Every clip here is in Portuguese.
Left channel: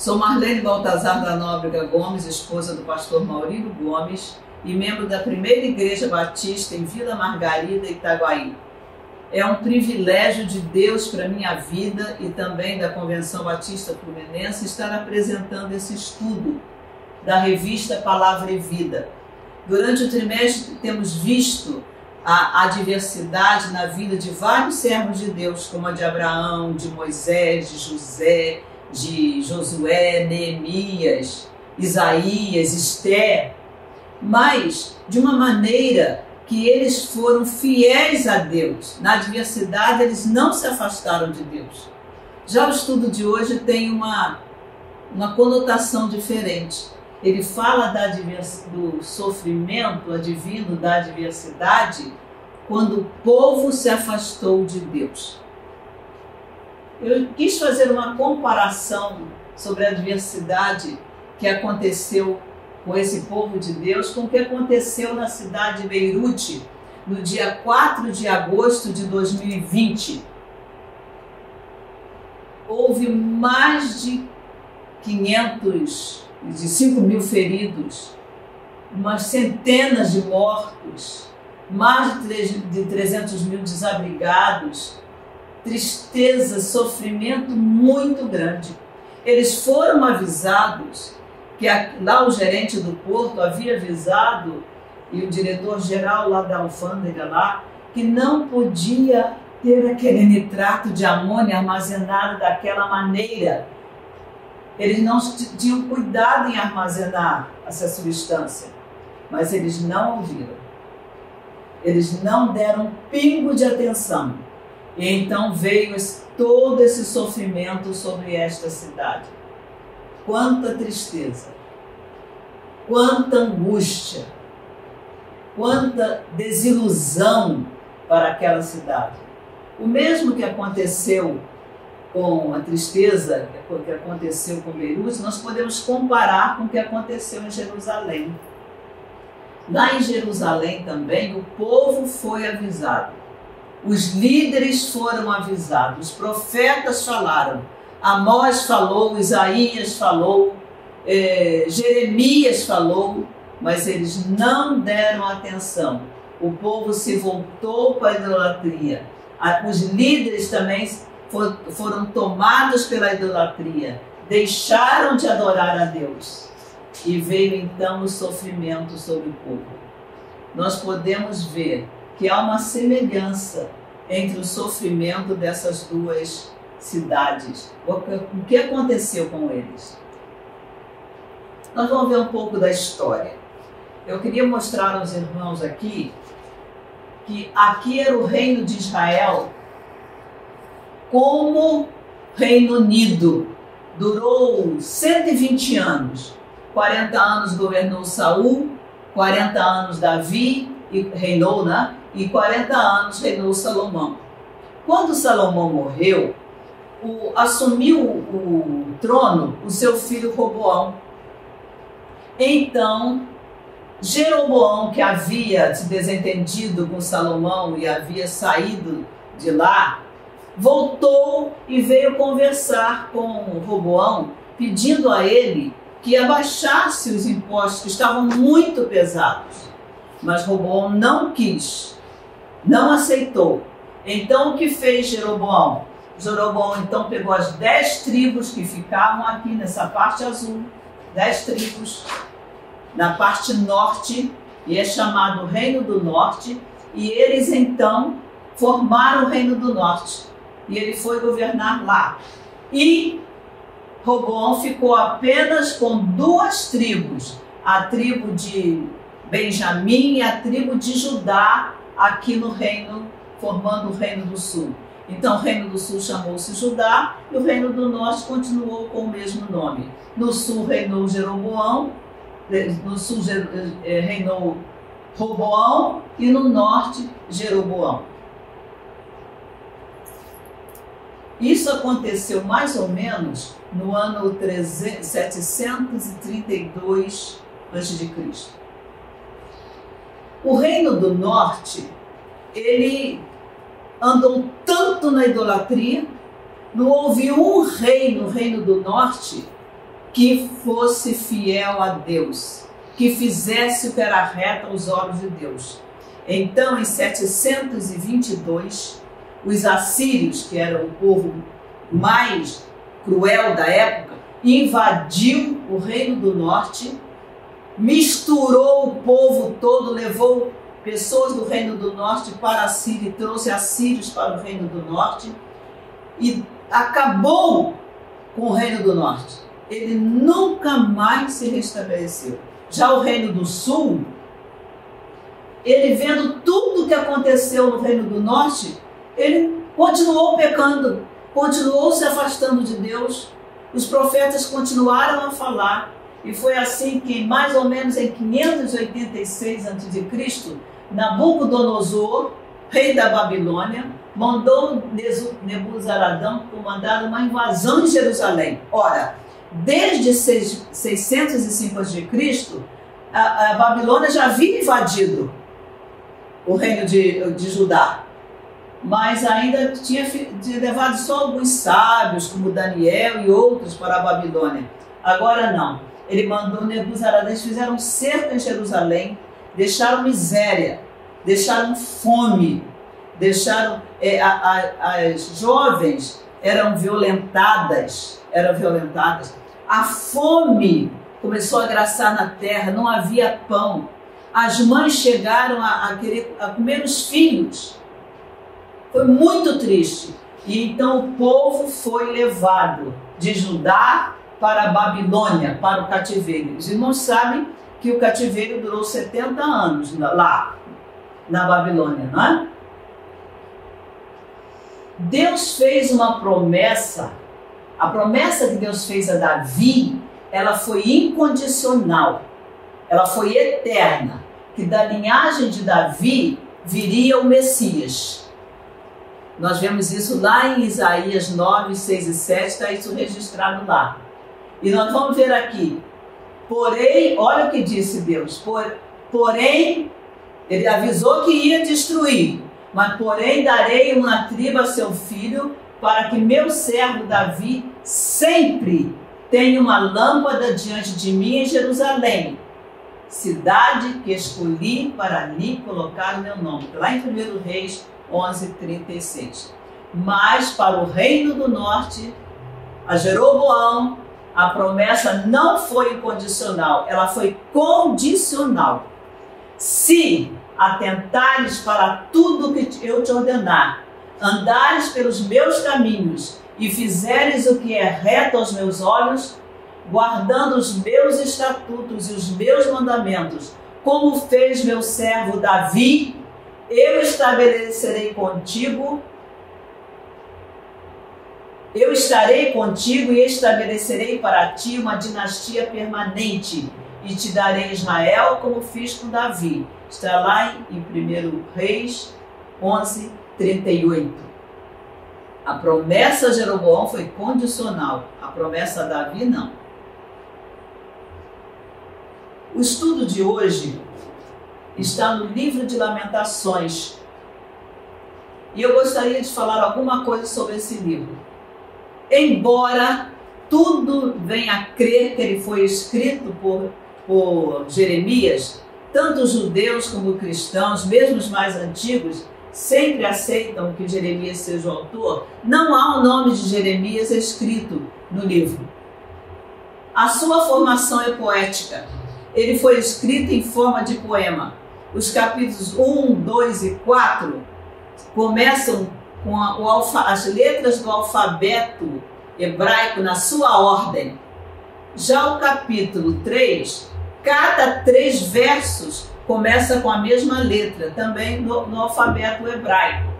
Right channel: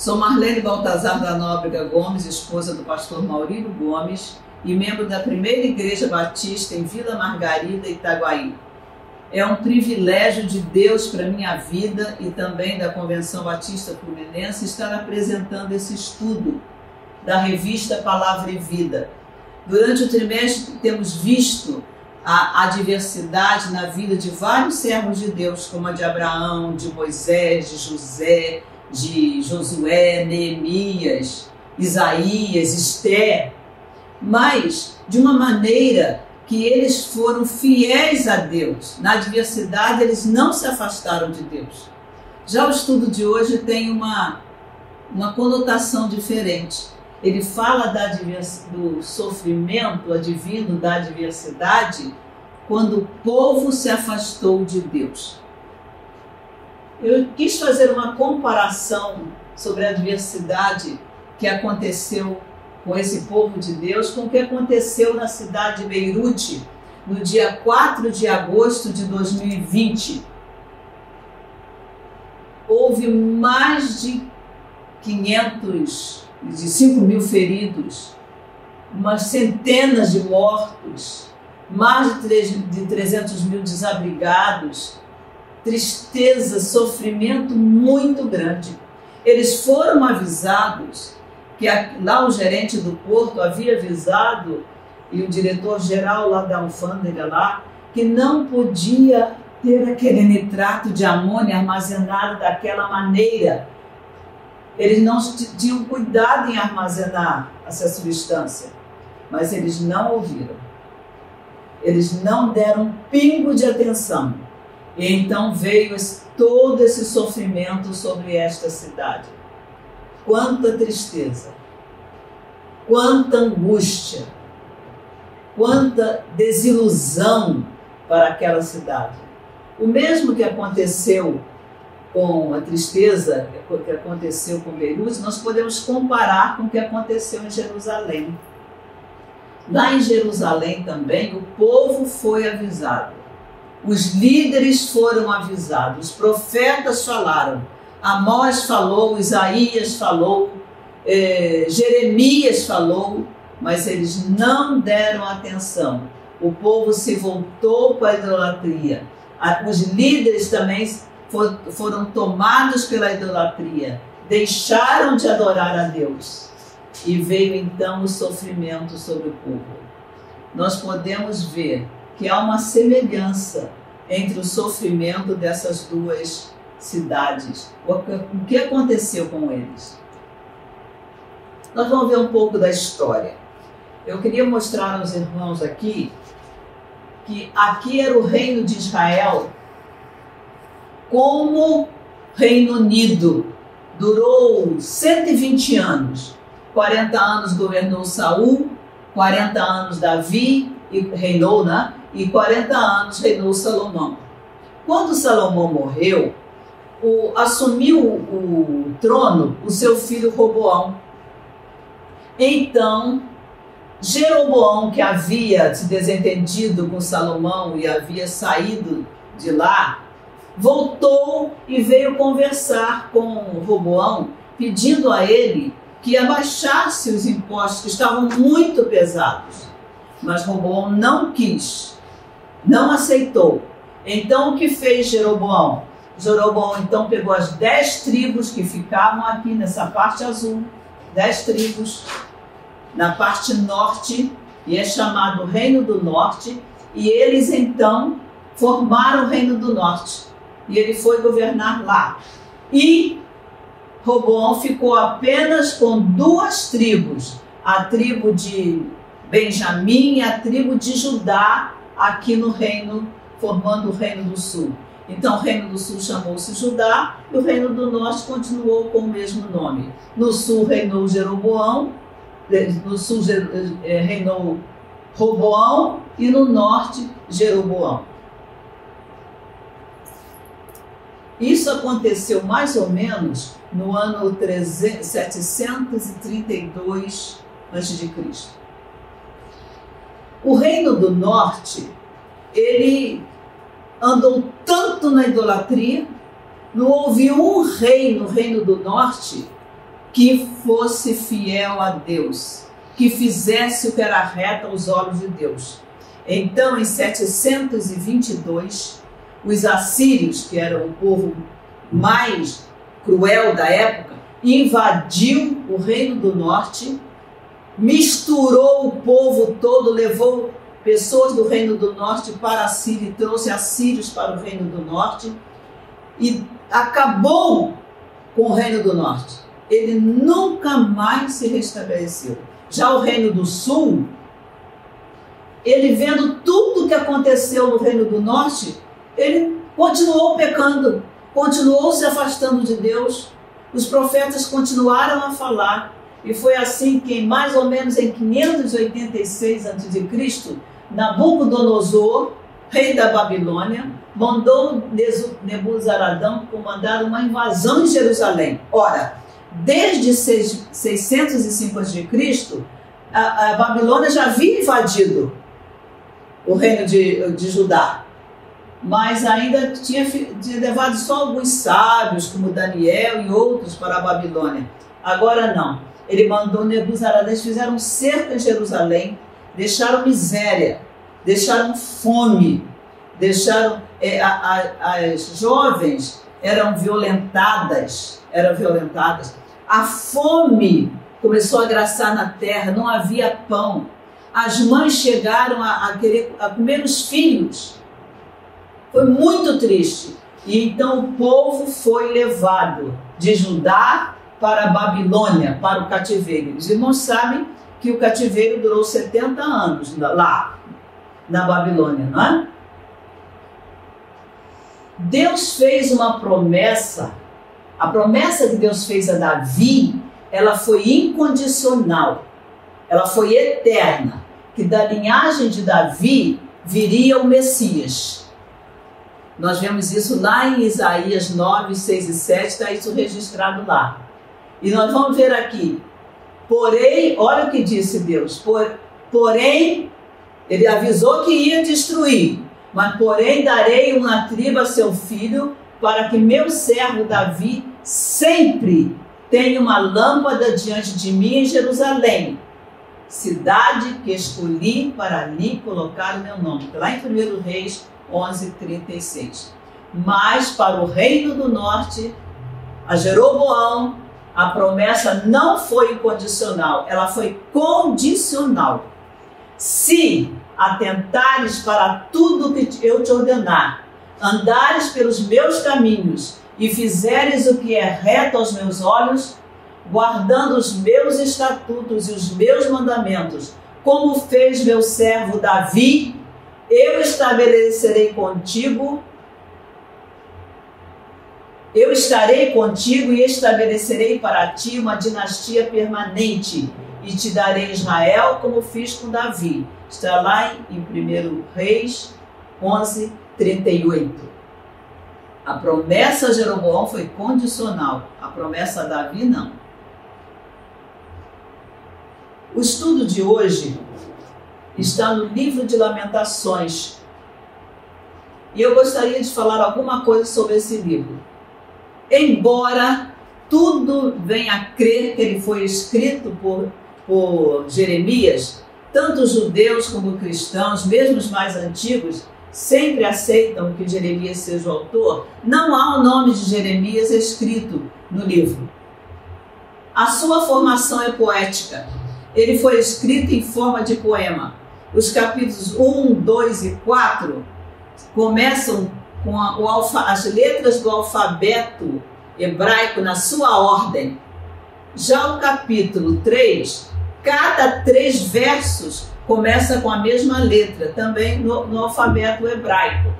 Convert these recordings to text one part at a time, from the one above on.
Sou Marlene Baltazar da Nóbrega Gomes, esposa do pastor Maurílio Gomes e membro da Primeira Igreja Batista em Vila Margarida, Itaguaí. É um privilégio de Deus para a minha vida e também da Convenção Batista Fluminense estar apresentando esse estudo da revista Palavra e Vida. Durante o trimestre temos visto a diversidade na vida de vários servos de Deus, como a de Abraão, de Moisés, de José, de Josué, Neemias, Isaías, Esther, mas de uma maneira que eles foram fiéis a Deus. Na adversidade, eles não se afastaram de Deus. Já o estudo de hoje tem uma conotação diferente. Ele fala do sofrimento advindo da adversidade quando o povo se afastou de Deus. Eu quis fazer uma comparação sobre a adversidade que aconteceu com esse povo de Deus, com o que aconteceu na cidade de Beirute, no dia 4 de agosto de 2020. Houve mais de 5 mil feridos, umas centenas de mortos, mais de 300 mil desabrigados, tristeza, sofrimento muito grande. Eles foram avisados, que lá o gerente do porto havia avisado, e o diretor-geral lá da alfândega lá, que não podia ter aquele nitrato de amônia armazenado daquela maneira. Eles não tinham cuidado em armazenar essa substância, mas eles não ouviram. Eles não deram um pingo de atenção. E então veio todo esse sofrimento sobre esta cidade. Quanta tristeza, quanta angústia, quanta desilusão para aquela cidade. O mesmo que aconteceu com a tristeza, que aconteceu com Beirute, nós podemos comparar com o que aconteceu em Jerusalém. Lá em Jerusalém também, o povo foi avisado. Os líderes foram avisados, os profetas falaram, Amós falou, Isaías falou, Jeremias falou, mas eles não deram atenção. O povo se voltou para a idolatria. Os líderes também foram tomados pela idolatria, deixaram de adorar a Deus. E veio então o sofrimento sobre o povo. Nós podemos ver que há uma semelhança entre o sofrimento dessas duas cidades. O que aconteceu com eles? Nós vamos ver um pouco da história. Eu queria mostrar aos irmãos aqui que aqui era o reino de Israel como Reino Unido. Durou 120 anos. 40 anos governou Saul, 40 anos Davi reinou, né? E 40 anos reinou Salomão. Quando Salomão morreu, assumiu o trono o seu filho Roboão. Então, Jeroboão, que havia se desentendido com Salomão e havia saído de lá, voltou e veio conversar com Roboão, pedindo a ele que abaixasse os impostos, que estavam muito pesados. Mas Roboão não quis, não aceitou. Então, o que fez Jeroboão? Jeroboão então pegou as 10 tribos que ficavam aqui nessa parte azul, 10 tribos na parte norte, e é chamado Reino do Norte, e eles então formaram o Reino do Norte, e ele foi governar lá. E Roboão ficou apenas com 2 tribos, a tribo de Benjamim e a tribo de Judá, aqui no reino, formando o Reino do Sul. Então, o Reino do Sul chamou-se Judá, e o Reino do Norte continuou com o mesmo nome. No sul reinou Jeroboão, no sul reinou Roboão, e no norte, Jeroboão. Isso aconteceu mais ou menos no ano 732 a.C. O Reino do Norte, ele andou tanto na idolatria, não houve um rei no Reino do Norte que fosse fiel a Deus, que fizesse o que era reto aos olhos de Deus. Então, em 722, os assírios, que eram o povo mais cruel da época, invadiu o Reino do Norte, misturou o povo todo, levou pessoas do Reino do Norte para a Síria e trouxe assírios para o Reino do Norte e acabou com o Reino do Norte. Ele nunca mais se restabeleceu. Já o Reino do Sul, ele vendo tudo o que aconteceu no Reino do Norte, ele continuou pecando, continuou se afastando de Deus. Os profetas continuaram a falar. E foi assim que, mais ou menos em 586 a.C., Nabucodonosor, rei da Babilônia, mandou Nebuzaradão comandar uma invasão de Jerusalém. Ora, desde 605 a.C., a Babilônia já havia invadido o reino de Judá, mas ainda tinha levado só alguns sábios, como Daniel e outros, para a Babilônia. Agora não. Ele mandou Nebuzaradã, eles fizeram cerco em Jerusalém, deixaram miséria, deixaram fome, deixaram as jovens eram violentadas, a fome começou a graçar na terra, não havia pão, as mães chegaram a comer os filhos, foi muito triste. E então o povo foi levado de Judá para a Babilônia, para o cativeiro. Os irmãos sabem que o cativeiro durou 70 anos lá, na Babilônia, não é? Deus fez uma promessa, a promessa que Deus fez a Davi, ela foi incondicional, ela foi eterna, que da linhagem de Davi viria o Messias. Nós vemos isso lá em Isaías 9, 6 e 7, está isso registrado lá. E nós vamos ver aqui, porém, olha o que disse Deus, porém, ele avisou que ia destruir, mas porém darei uma tribo a seu filho, para que meu servo Davi sempre tenha uma lâmpada diante de mim em Jerusalém, cidade que escolhi para ali colocar o meu nome. Lá em 1 Reis 11, 36. Mas para o reino do norte, a Jeroboão, a promessa não foi incondicional, ela foi condicional. Se atentares para tudo que eu te ordenar, andares pelos meus caminhos e fizeres o que é reto aos meus olhos, guardando os meus estatutos e os meus mandamentos, como fez meu servo Davi, eu estabelecerei contigo, eu estarei contigo e estabelecerei para ti uma dinastia permanente e te darei Israel como fiz com Davi. Está lá em 1 Reis 11, 38. A promessa a Jeroboão foi condicional, a promessa a Davi não. O estudo de hoje está no livro de Lamentações. E eu gostaria de falar alguma coisa sobre esse livro. Embora tudo venha a crer que ele foi escrito por Jeremias, tanto os judeus como os cristãos, mesmo os mais antigos, sempre aceitam que Jeremias seja o autor. Não há o nome de Jeremias escrito no livro. A sua formação é poética. Ele foi escrito em forma de poema. Os capítulos 1, 2 e 4 começam com as letras do alfabeto hebraico na sua ordem. Já o capítulo 3, cada 3 versos começa com a mesma letra, também no alfabeto hebraico.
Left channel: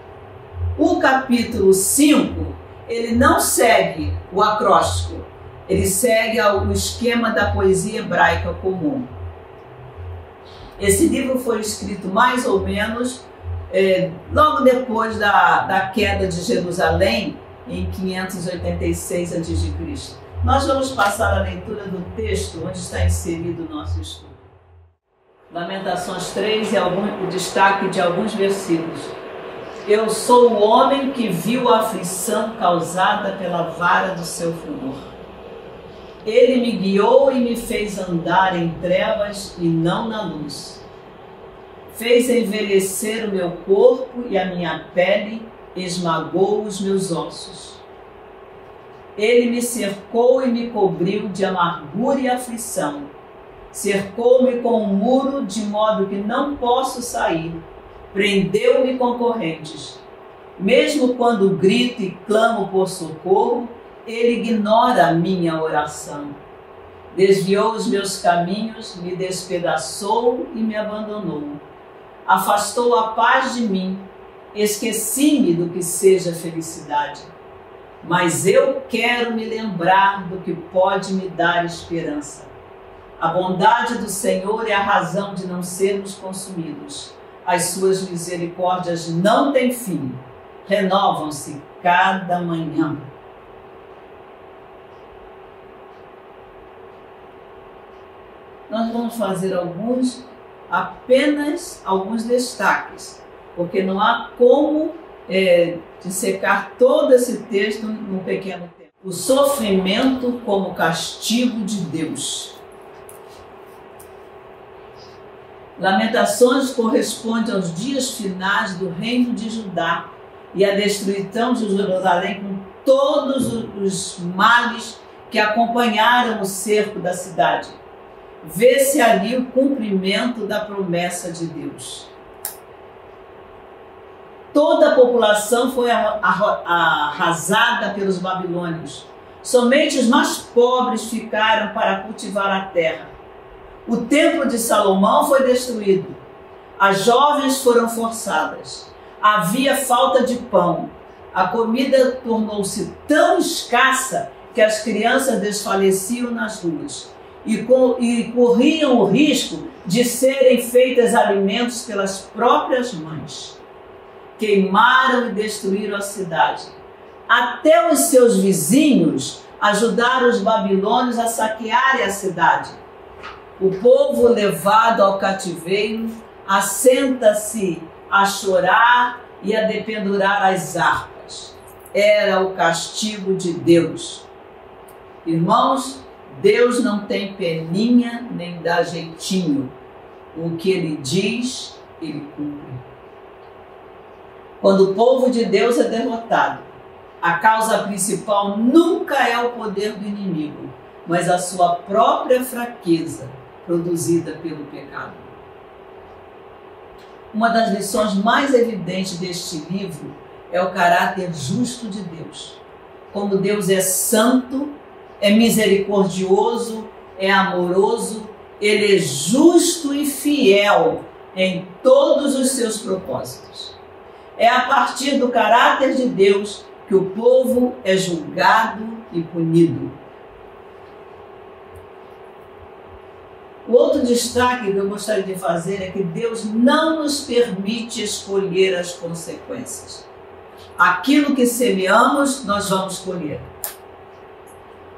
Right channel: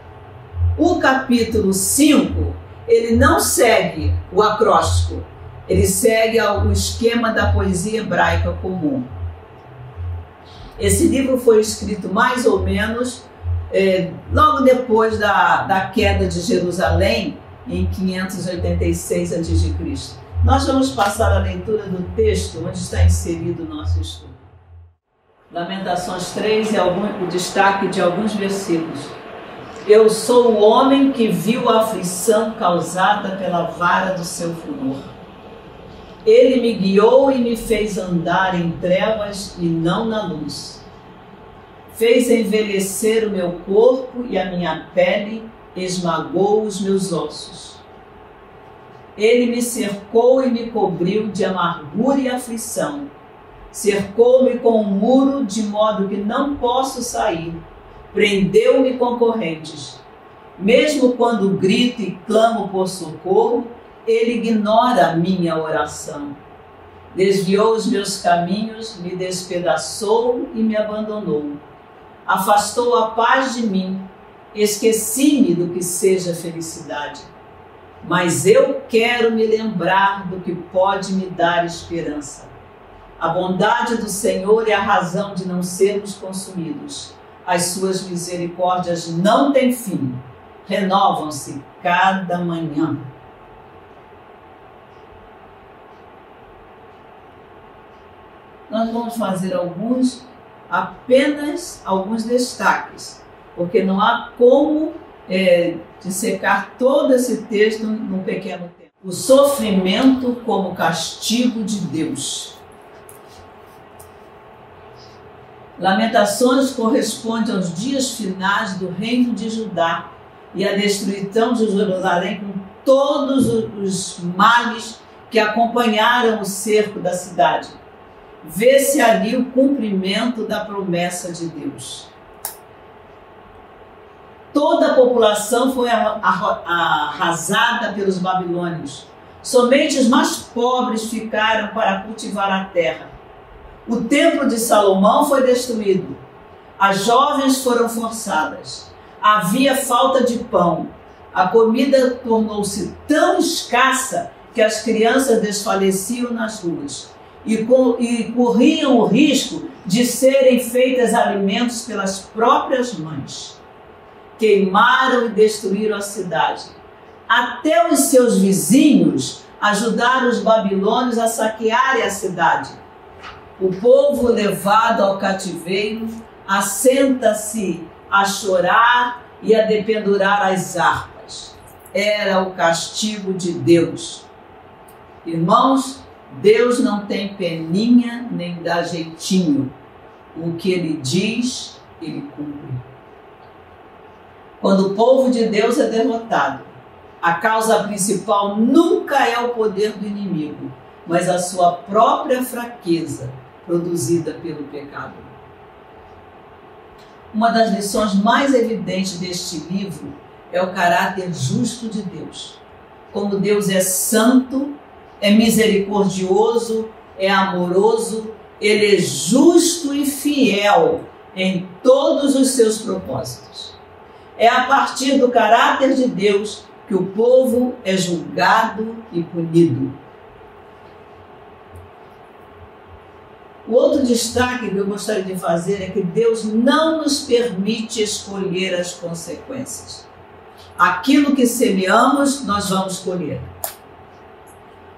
O capítulo 5, ele não segue o acróstico, ele segue o esquema da poesia hebraica comum. Esse livro foi escrito mais ou menos logo depois da queda de Jerusalém, em 586 a.C. Nós vamos passar a leitura do texto onde está inserido o nosso estudo. Lamentações 3 e o destaque de alguns versículos. Eu sou o homem que viu a aflição causada pela vara do seu furor. Ele me guiou e me fez andar em trevas e não na luz. Fez envelhecer o meu corpo e a minha pele esmagou os meus ossos. Ele me cercou e me cobriu de amargura e aflição. Cercou-me com um muro de modo que não posso sair. Prendeu-me com correntes. Mesmo quando grito e clamo por socorro, ele ignora a minha oração. Desviou os meus caminhos, me despedaçou e me abandonou. Afastou a paz de mim. Esqueci-me do que seja felicidade. Mas eu quero me lembrar do que pode me dar esperança. A bondade do Senhor é a razão de não sermos consumidos. As suas misericórdias não têm fim. Renovam-se cada manhã. Nós vamos fazer apenas alguns destaques, porque não há como dissecar todo esse texto num pequeno tempo. O sofrimento como castigo de Deus. Lamentações corresponde aos dias finais do reino de Judá e à destruição de Jerusalém com todos os males que acompanharam o cerco da cidade. Vê-se ali o cumprimento da promessa de Deus. Toda a população foi arrasada pelos babilônios. Somente os mais pobres ficaram para cultivar a terra. O templo de Salomão foi destruído. As jovens foram forçadas. Havia falta de pão. A comida tornou-se tão escassa que as crianças desfaleciam nas ruas e corriam o risco de serem feitas alimentos pelas próprias mães. Queimaram e destruíram a cidade. Até os seus vizinhos ajudaram os babilônios a saquearem a cidade. O povo levado ao cativeiro assenta-se a chorar e a dependurar as harpas. Era o castigo de Deus. Irmãos, Deus não tem peninha nem dá jeitinho. O que Ele diz, Ele cumpre. Quando o povo de Deus é derrotado, a causa principal nunca é o poder do inimigo, mas a sua própria fraqueza, produzida pelo pecado. Uma das lições mais evidentes deste livro é o caráter justo de Deus. Como Deus é santo, é misericordioso, é amoroso, Ele é justo e fiel em todos os seus propósitos. É a partir do caráter de Deus que o povo é julgado e punido. O outro destaque que eu gostaria de fazer é que Deus não nos permite escolher as consequências. Aquilo que semeamos, nós vamos colher.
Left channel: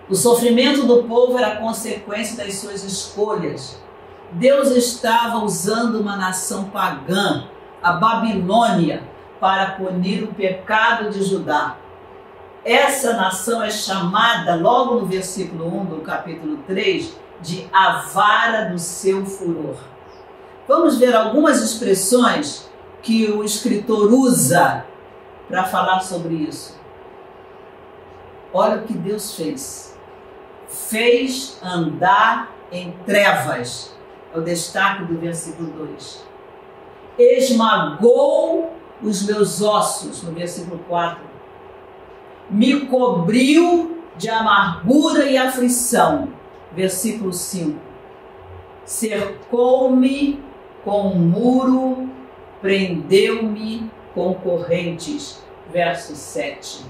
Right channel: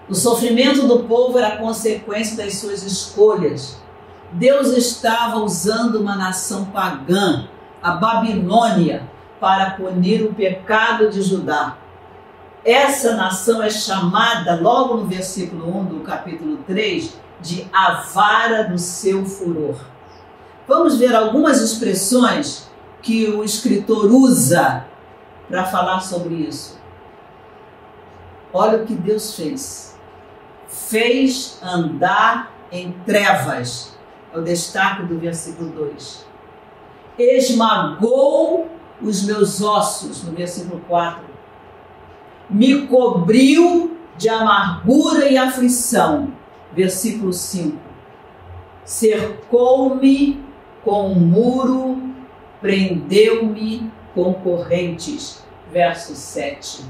O sofrimento do povo era consequência das suas escolhas. Deus estava usando uma nação pagã, a Babilônia, para punir o pecado de Judá. Essa nação é chamada, logo no versículo 1 do capítulo 3, de a vara do seu furor. Vamos ver algumas expressões que o escritor usa para falar sobre isso. Olha o que Deus fez. Fez andar em trevas. É o destaque do versículo 2. Esmagou os meus ossos, no versículo 4. Me cobriu de amargura e aflição, versículo 5. Cercou-me com um muro, prendeu-me com correntes, verso 7.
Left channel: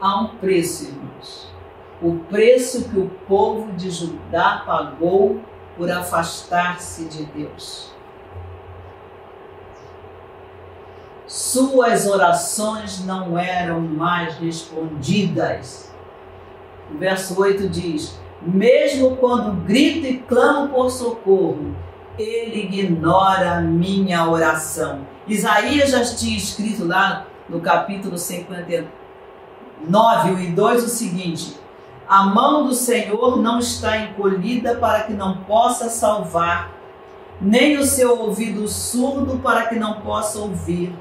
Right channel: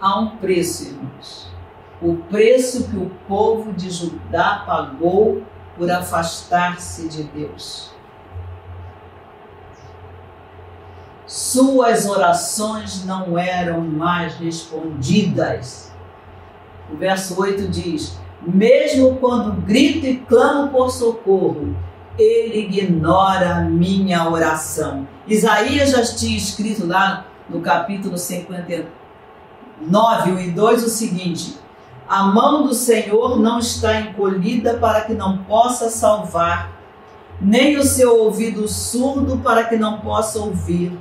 Há um preço, irmãos. O preço que o povo de Judá pagou por afastar-se de Deus. Suas orações não eram mais respondidas. O verso 8 diz: mesmo quando grito e clamo por socorro, ele ignora a minha oração. Isaías já tinha escrito lá no capítulo 53, 9, 1 e 2, o seguinte: a mão do Senhor não está encolhida para que não possa salvar, nem o seu ouvido surdo para que não possa ouvir.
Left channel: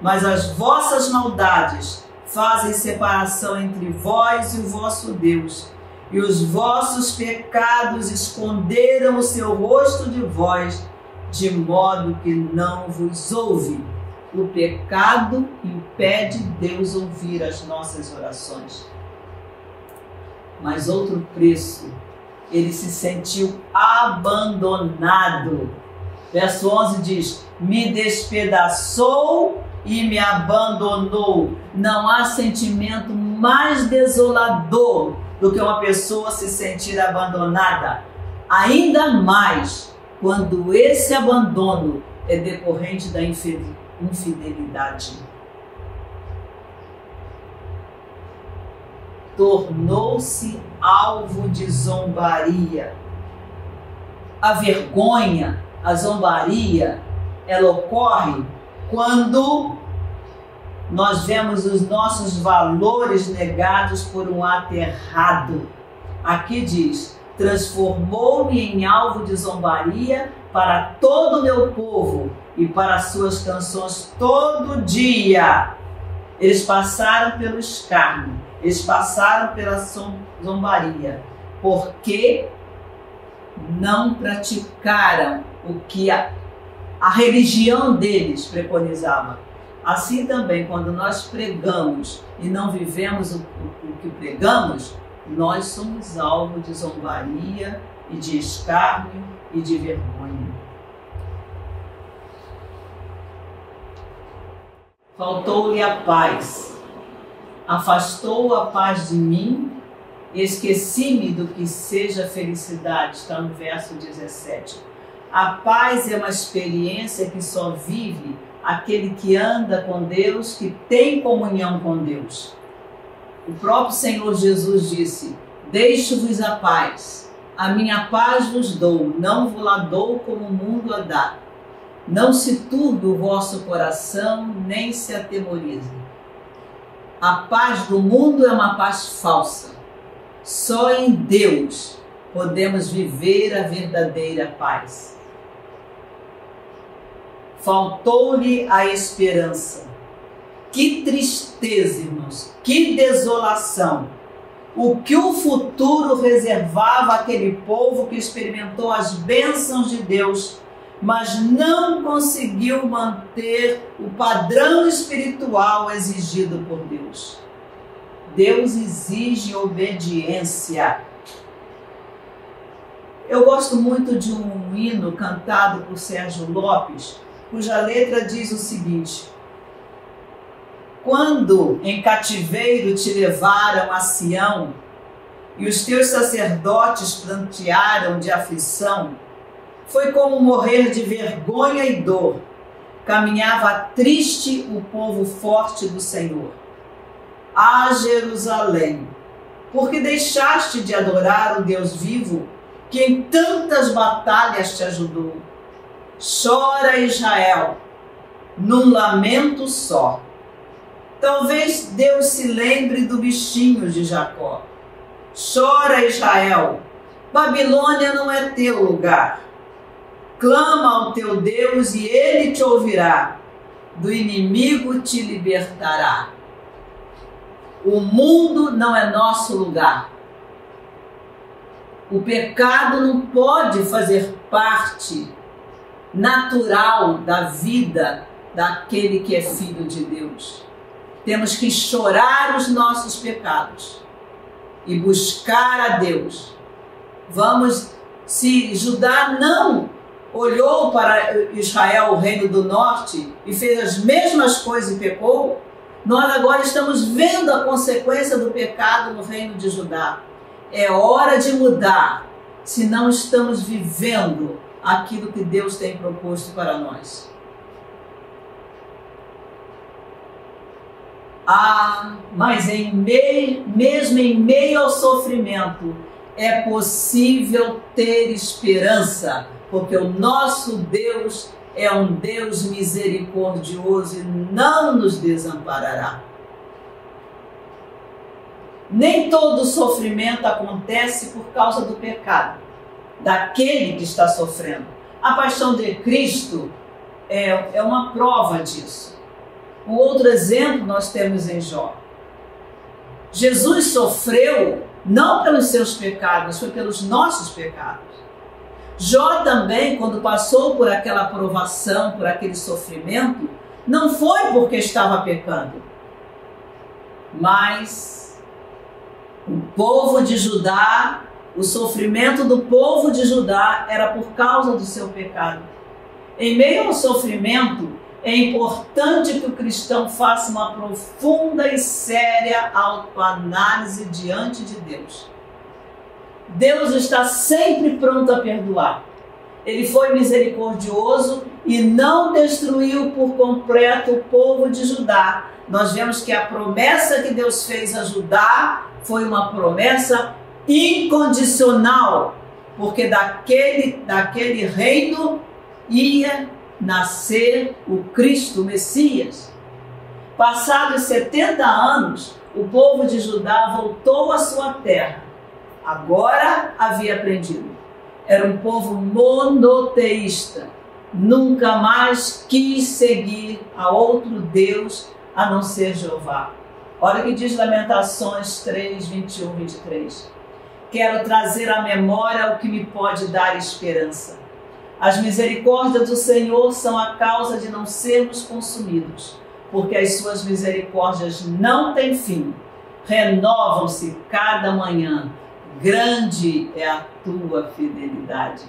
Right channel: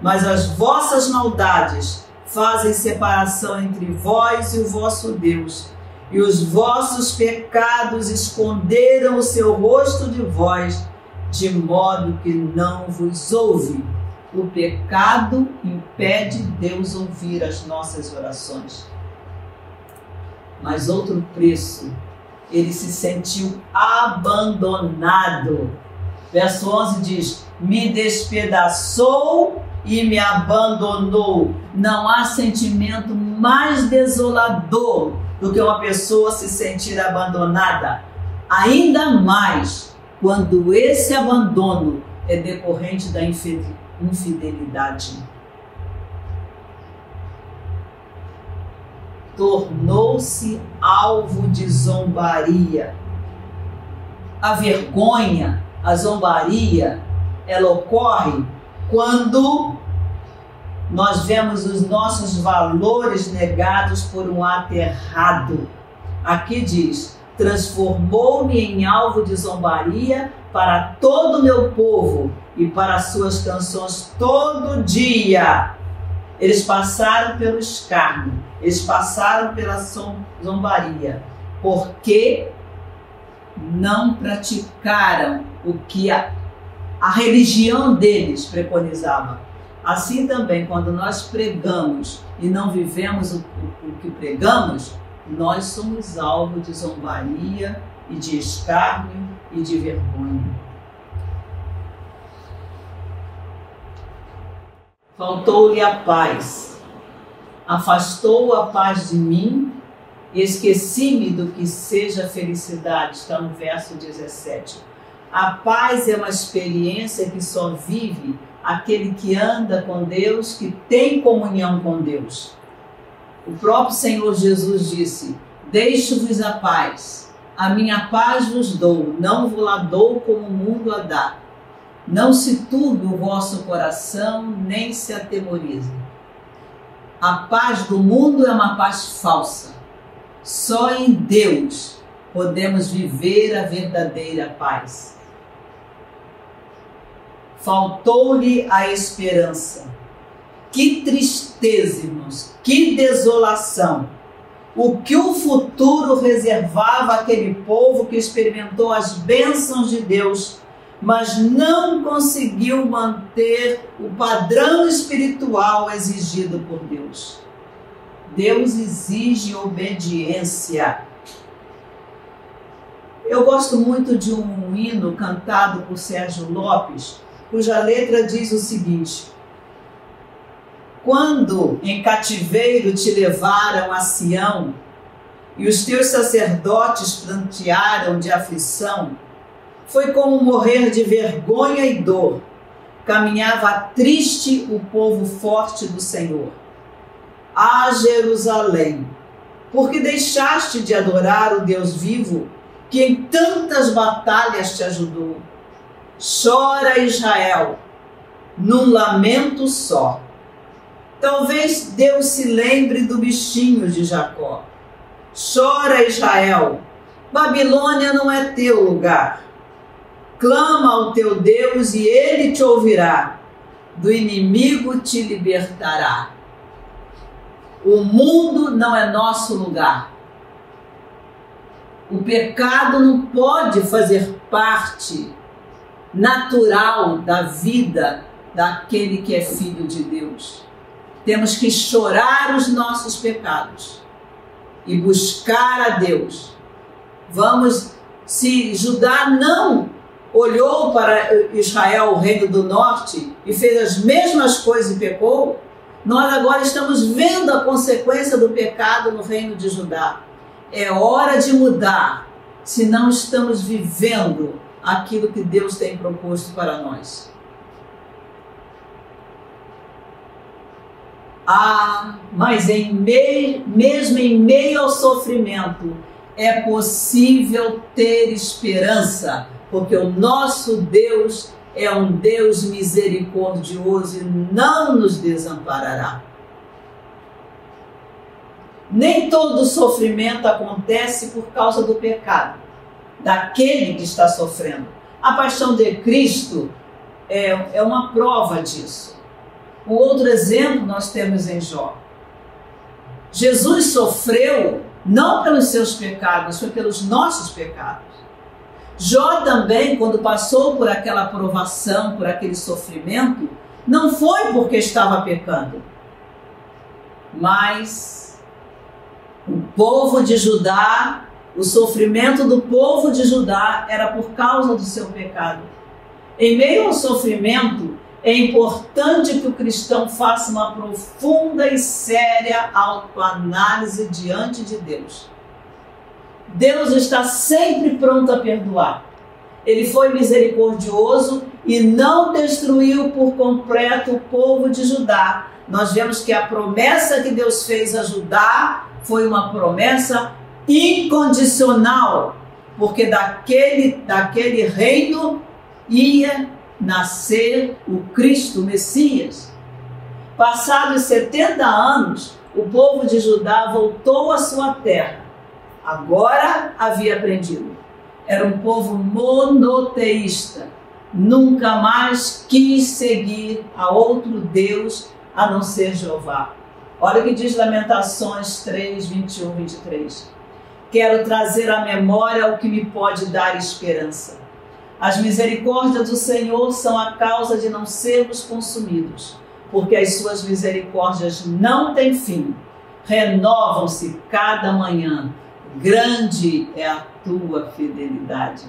Mas as vossas maldades fazem separação entre vós e o vosso Deus, e os vossos pecados esconderam o seu rosto de vós, de modo que não vos ouve. O pecado impede Deus ouvir as nossas orações. Mas outro preço, ele se sentiu abandonado. Verso 11 diz: me despedaçou e me abandonou. Não há sentimento mais desolador do que uma pessoa se sentir abandonada. Ainda mais quando esse abandono é decorrente da infidelidade. Tornou-se alvo de zombaria. A vergonha, a zombaria, ela ocorre quando nós vemos os nossos valores negados por um ato errado. Aqui diz: transformou-me em alvo de zombaria para todo o meu povo e para suas canções todo dia. Eles passaram pelo escárnio, eles passaram pela zombaria, porque não praticaram o que a religião deles preconizava. Assim também, quando nós pregamos e não vivemos o que pregamos, nós somos alvo de zombaria e de escárnio e de vergonha. Faltou-lhe a paz, afastou a paz de mim, esqueci-me do que seja felicidade. Está no verso 17. A paz é uma experiência que só vive aquele que anda com Deus, que tem comunhão com Deus. O próprio Senhor Jesus disse: deixo-vos a paz, a minha paz vos dou, não vos la dou como o mundo a dá. Não se turbe o vosso coração, nem se atemorize. A paz do mundo é uma paz falsa. Só em Deus podemos viver a verdadeira paz. Faltou-lhe a esperança. Que tristeza, irmãos, que desolação. O que o futuro reservava àquele povo que experimentou as bênçãos de Deus, mas não conseguiu manter o padrão espiritual exigido por Deus. Deus exige obediência. Eu gosto muito de um hino cantado por Sérgio Lopes, cuja letra diz o seguinte: quando em cativeiro te levaram a Sião, e os teus sacerdotes prantearam de aflição, foi como morrer de vergonha e dor. Caminhava triste o povo forte do Senhor. Ah, Jerusalém, porque deixaste de adorar o Deus vivo, que em tantas batalhas te ajudou. Chora, Israel, num lamento só. Talvez Deus se lembre do bichinho de Jacó. Chora, Israel, Babilônia não é teu lugar. Clama ao teu Deus e ele te ouvirá. Do inimigo te libertará. O mundo não é nosso lugar. O pecado não pode fazer parte natural da vida daquele que é filho de Deus. Temos que chorar os nossos pecados e buscar a Deus. Vamos, se Judá não olhou para Israel, o reino do norte, e fez as mesmas coisas e pecou, nós agora estamos vendo a consequência do pecado no reino de Judá. É hora de mudar, se não estamos vivendo aquilo que Deus tem proposto para nós. Mas mesmo em meio ao sofrimento, é possível ter esperança, porque o nosso Deus é um Deus misericordioso e não nos desamparará. Nem todo sofrimento acontece por causa do pecado daquele que está sofrendo. A paixão de Cristo é uma prova disso. Um outro exemplo nós temos em Jó. Jesus sofreu não pelos seus pecados, mas foi pelos nossos pecados. Jó também, quando passou por aquela provação, por aquele sofrimento, não foi porque estava pecando, mas o povo de Judá, o sofrimento do povo de Judá era por causa do seu pecado. Em meio ao sofrimento, é importante que o cristão faça uma profunda e séria autoanálise diante de Deus. Deus está sempre pronto a perdoar. Ele foi misericordioso e não destruiu por completo o povo de Judá. Nós vemos que a promessa que Deus fez a Judá foi uma promessa incondicional, porque daquele reino ia nascer o Cristo, o Messias. Passados 70 anos, o povo de Judá voltou à sua terra. Agora havia aprendido. Era um povo monoteísta. Nunca mais quis seguir a outro Deus a não ser Jeová. Olha o que diz Lamentações 3, 21, 23. Quero trazer à memória o que me pode dar esperança. As misericórdias do Senhor são a causa de não sermos consumidos, porque as suas misericórdias não têm fim. Renovam-se cada manhã. Grande é a tua fidelidade.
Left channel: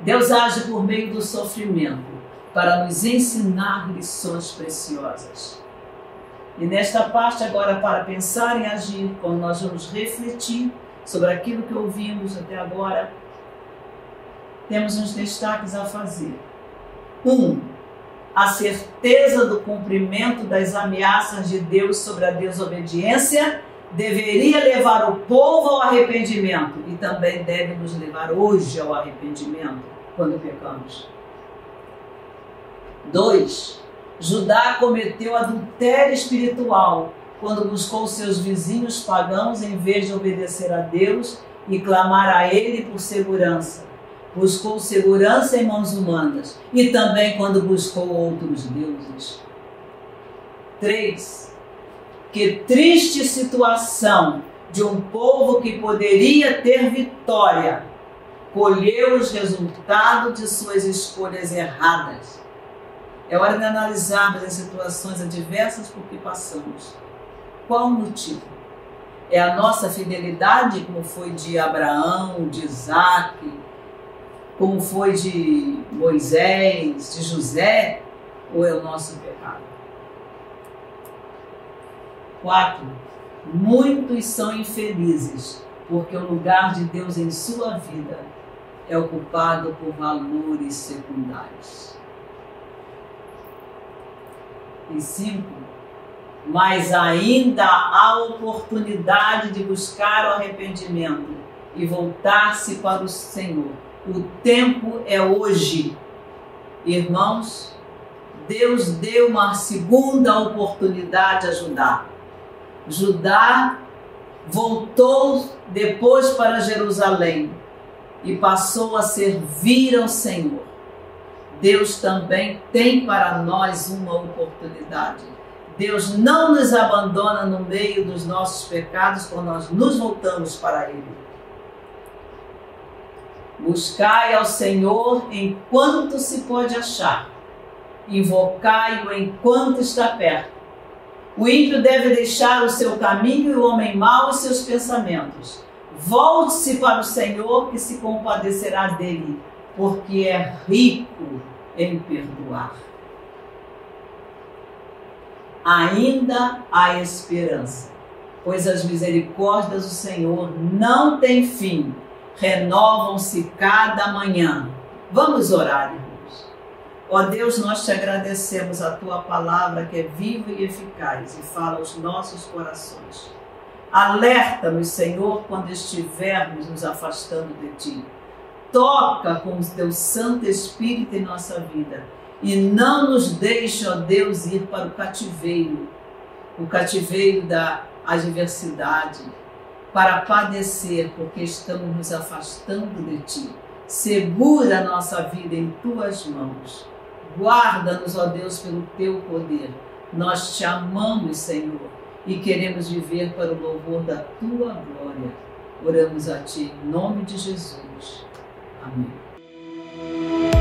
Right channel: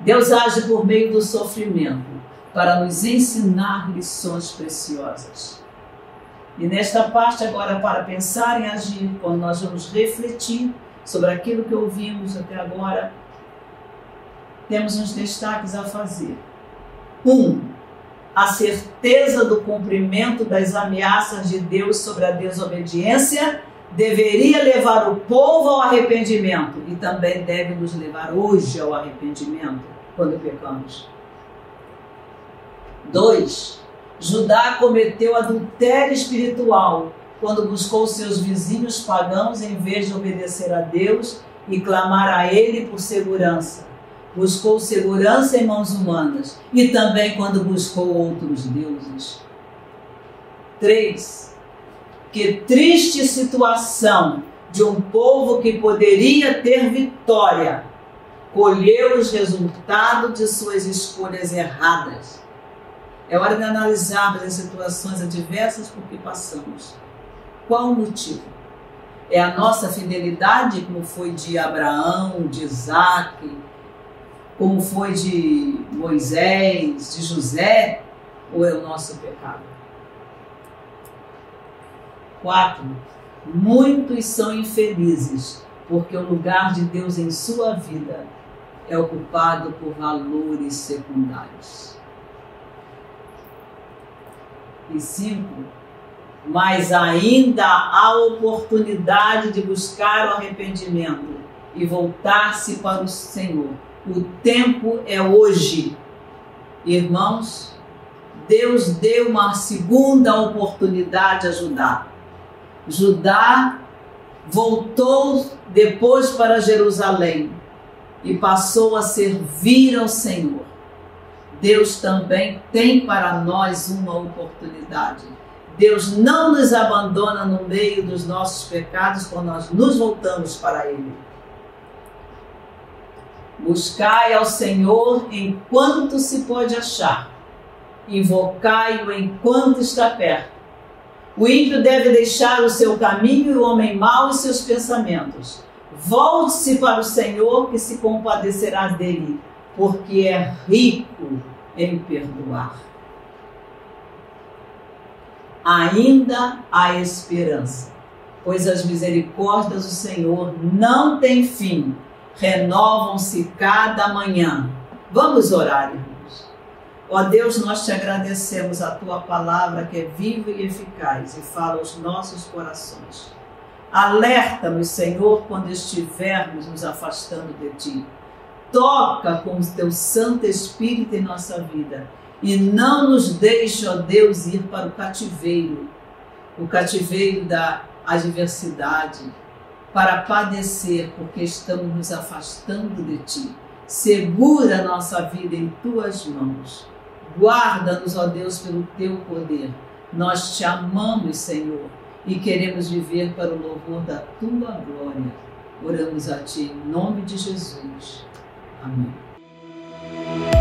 Deus age por meio do sofrimento para nos ensinar lições preciosas. E nesta parte agora, para pensar em agir, quando nós vamos refletir sobre aquilo que ouvimos até agora, temos uns destaques a fazer. 1. A certeza do cumprimento das ameaças de Deus sobre a desobediência deveria levar o povo ao arrependimento e também deve nos levar hoje ao arrependimento quando pecamos. 2. Judá cometeu adultério espiritual quando buscou seus vizinhos pagãos em vez de obedecer a Deus e clamar a Ele por segurança. Buscou segurança em mãos humanas e também quando buscou outros deuses. 3. Que triste situação de um povo que poderia ter vitória, colheu os resultados de suas escolhas erradas. É hora de analisarmos as situações adversas por que passamos. Qual o motivo? É a nossa fidelidade, como foi de Abraão, de Isaac, como foi de Moisés, de José, ou é o nosso pecado? 4. Muitos são infelizes, porque o lugar de Deus em sua vida é ocupado por valores secundários. E 5. Mas ainda há oportunidade de buscar o arrependimento e voltar-se para o Senhor. O tempo é hoje. Irmãos, Deus deu uma segunda oportunidade a Judá. Judá voltou depois para Jerusalém e passou a servir ao Senhor. Deus também tem para nós uma oportunidade. Deus não nos abandona no meio dos nossos pecados quando nós nos voltamos para Ele. Buscai ao Senhor enquanto se pode achar. Invocai-o enquanto está perto. O ímpio deve deixar o seu caminho e o homem mau os seus pensamentos. Volte-se para o Senhor, que se compadecerá dele, porque é rico em perdoar. Ainda há esperança, pois as misericórdias do Senhor não têm fim, renovam-se cada manhã. Vamos orar, irmãos. Ó Deus, nós te agradecemos a tua palavra que é viva e eficaz e fala aos nossos corações. Alerta-nos, Senhor, quando estivermos nos afastando de ti. Toca com o teu Santo Espírito em nossa vida e não nos deixe, ó Deus, ir para o cativeiro da adversidade, para padecer, porque estamos nos afastando de Ti. Segura a nossa vida em Tuas mãos. Guarda-nos, ó Deus, pelo Teu poder. Nós Te amamos, Senhor, e queremos viver para o louvor da Tua glória. Oramos a Ti em nome de Jesus. Amém.